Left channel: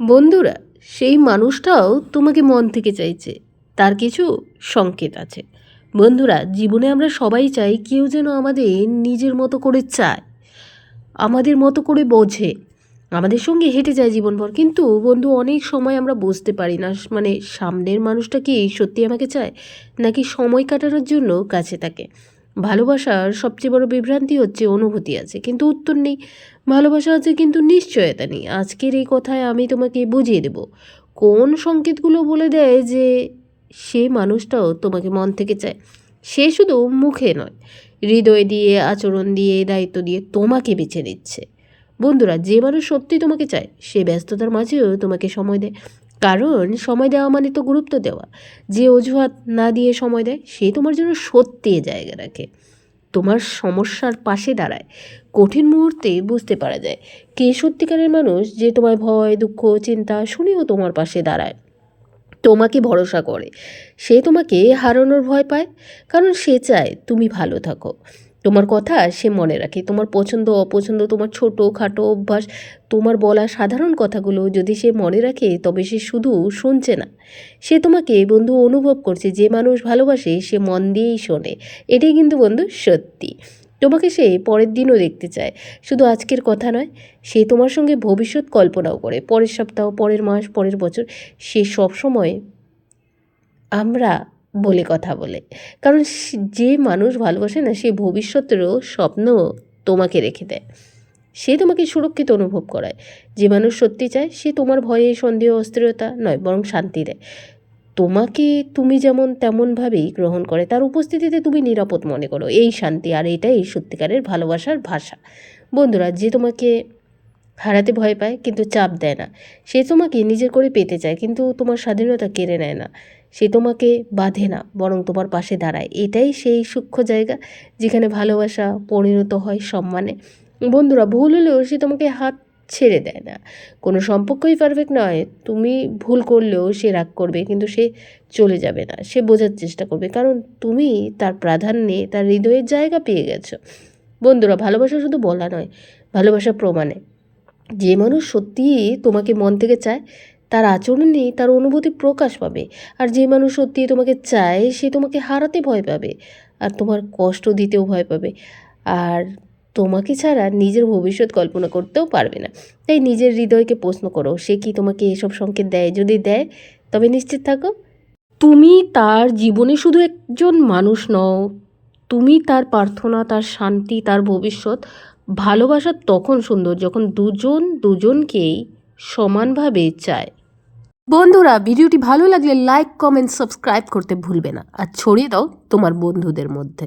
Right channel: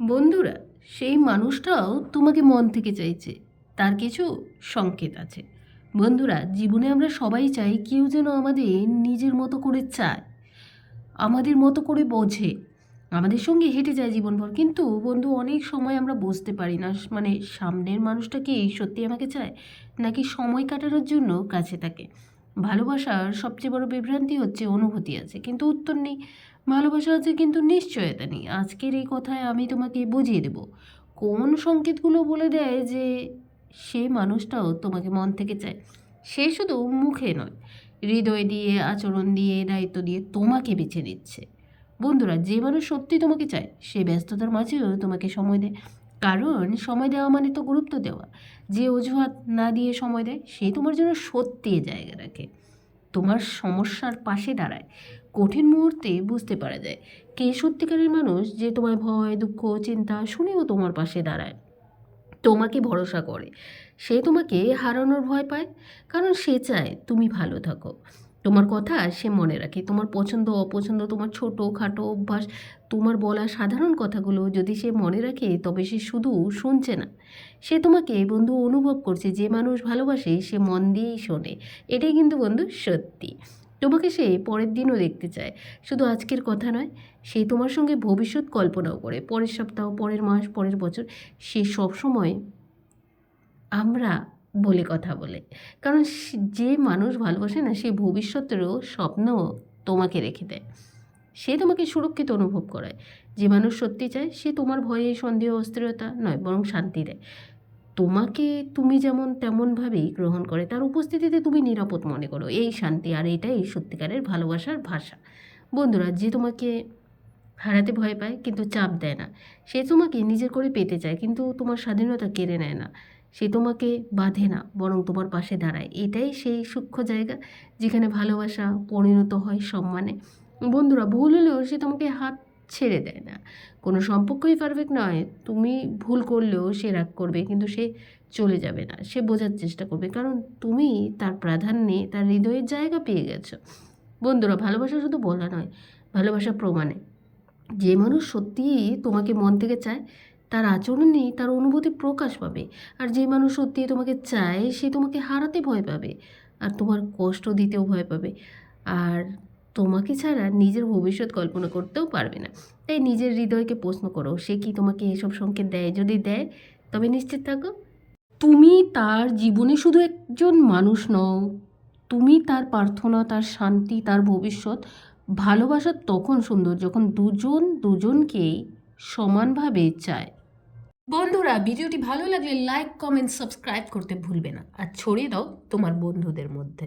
বন্ধুরা, সেই মানুষটাও তোমাকে মন থেকে চাইছে, তার কিছু সংকেত আছে। বন্ধুরা, জীবনে আমরা সবাই চাই কেউ যেন আমাদের নিজের মতো করে চায়, আমাদের মতো করে বোঝে, আমাদের সঙ্গে হেঁটে যায় জীবনভর। কিন্তু বন্ধু, অনেক সময় আমরা বুঝতে পারি না মানে সামনের মানুষটা কি সত্যি আমাকে চায় নাকি সময় কাটানোর জন্য কাছে থাকে। ভালোবাসার সবচেয়ে বড় বিভ্রান্তি হচ্ছে অনুভূতি আছে কিন্তু উত্তর নেই, ভালোবাসা আছে কিন্তু নিশ্চয়তা নেই। আজকের এই কথায় আমি তোমাকে বুঝিয়ে দেব কোন সংকেতগুলো বলে দেয় যে সে মানুষটাও তোমাকে মন থেকে চায়। সে শুধু মুখে নয়, হৃদয় দিয়ে, আচরণ দিয়ে, দায়িত্ব দিয়ে তোমাকে বেছে নিচ্ছে। বন্ধুরা, যে মানুষ সত্যি তোমাকে চায় সে ব্যস্ততার মাঝেও তোমাকে সময় দেয়, কারণ সময় দেওয়া মানে তো গুরুত্ব দেওয়া। যে অজুহাত না দিয়ে সময় দেয় সে তোমার জন্য সত্যি জায়গা রাখে, তোমার সমস্যার পাশে দাঁড়ায়। কঠিন মুহূর্তে বুঝতে পারা যায় কে সত্যিকারের মানুষ, যে তোমার ভয়, দুঃখ, চিন্তা শুনেও তোমার পাশে দাঁড়ায়, তোমাকে ভরসা করে। সে তোমাকে হারানোর ভয় পায়, কারণ সে চায় তুমি ভালো থাকো। তোমার কথা সে মনে রাখে, তোমার পছন্দ অপছন্দ, তোমার ছোটো খাটো অভ্যাস, তোমার বলা সাধারণ কথাগুলো যদি সে মনে রাখে তবে সে শুধু শুনছে না, সে তোমাকে বন্ধু অনুভব করছে। যে মানুষ ভালোবাসে সে মন দিয়েই শোনে, এটাই কিন্তু বন্ধু সত্যি। তোমাকে সে পরের দিনও দেখতে চায়, শুধু আজকের কথা নয়। সে তোমার সঙ্গে ভবিষ্যৎ কল্পনাও করে, পরের সপ্তাহ, পরের মাস, পরের বছর। সে সবসময় আমরা বলে কথা বলে, কারণ যে মানুষ ভালোবাসে না সে ভবিষ্যতেরও স্বপ্ন তোমাকে রেখে দেয়, সে তোমাকে সুরক্ষিত অনুভব করায়। যে মানুষ সত্যি চায় সে তোমার ভয়ে, সন্দেহ, অস্থিরতা নয় বরং শান্তি দেয়। তোমাকে তুমি যেমন তেমনভাবেই গ্রহণ করে, তার উপস্থিতিতে তুমি নিরাপদ মনে করো, এই শান্তি। আর এটাই সত্যিকারের ভালোবাসার ভাষা। বন্ধুরা, যে তোমাকে হারাতে ভয় পায় কিন্তু চাপ দেয় না, সে তোমাকে নিজের করে পেতে চায় কিন্তু তোমার স্বাধীনতা কেড়ে নেয় না। সে তোমাকে বাঁধে না বরং তোমার পাশে দাঁড়ায়, এটাই সেই সূক্ষ্ম জায়গা যেখানে ভালোবাসা পরিণত হয় সম্মানে। বন্ধুরা, ভুল হলেও সে তোমাকে হাত ছেড়ে দেয় না। কোনো সম্পর্কই পারফেক্ট নয়, তুমি ভুল করলেও সে রাগ করবে কিন্তু সে চলে যাবে না, সে বোঝার চেষ্টা করবে, কারণ তুমি তার প্রাধান্যে তার হৃদয়ের জায়গা পেয়ে গেছো। বন্ধুরা, ভালোবাসা শুধু বলা নয়, ভালোবাসা প্রমাণে। যে মানুষ সত্যিই তোমাকে মন থেকে চায় তার আচরণে তার অনুভূতি প্রকাশ পাবে। আর যে মানুষ সত্যিই তোমাকে চায় সে তোমাকে হারাতে ভয় পাবে আর তোমার কষ্ট দিতেও ভয় পাবে, আর তোমাকে ছাড়া নিজের ভবিষ্যৎ কল্পনা করতেও পারবে না। তাই নিজের হৃদয়কে প্রশ্ন করো, সে কি তোমাকে এসব সংকেত দেয়? যদি দেয় তবে নিশ্চিত থাকো তুমি তার জীবনে শুধু একজন মানুষ নও, তুমি তার প্রার্থনা, তার শান্তি, তার ভবিষ্যৎ। ভালোবাসা তখন সুন্দর যখন দুজন দুজনকেই সমানভাবে চায়। বন্ধুরা, ভিডিওটি ভালো লাগলে লাইক, কমেন্ট, সাবস্ক্রাইব করতে ভুলবে না আর ছড়িয়ে দাও তোমার বন্ধুদের মধ্যে।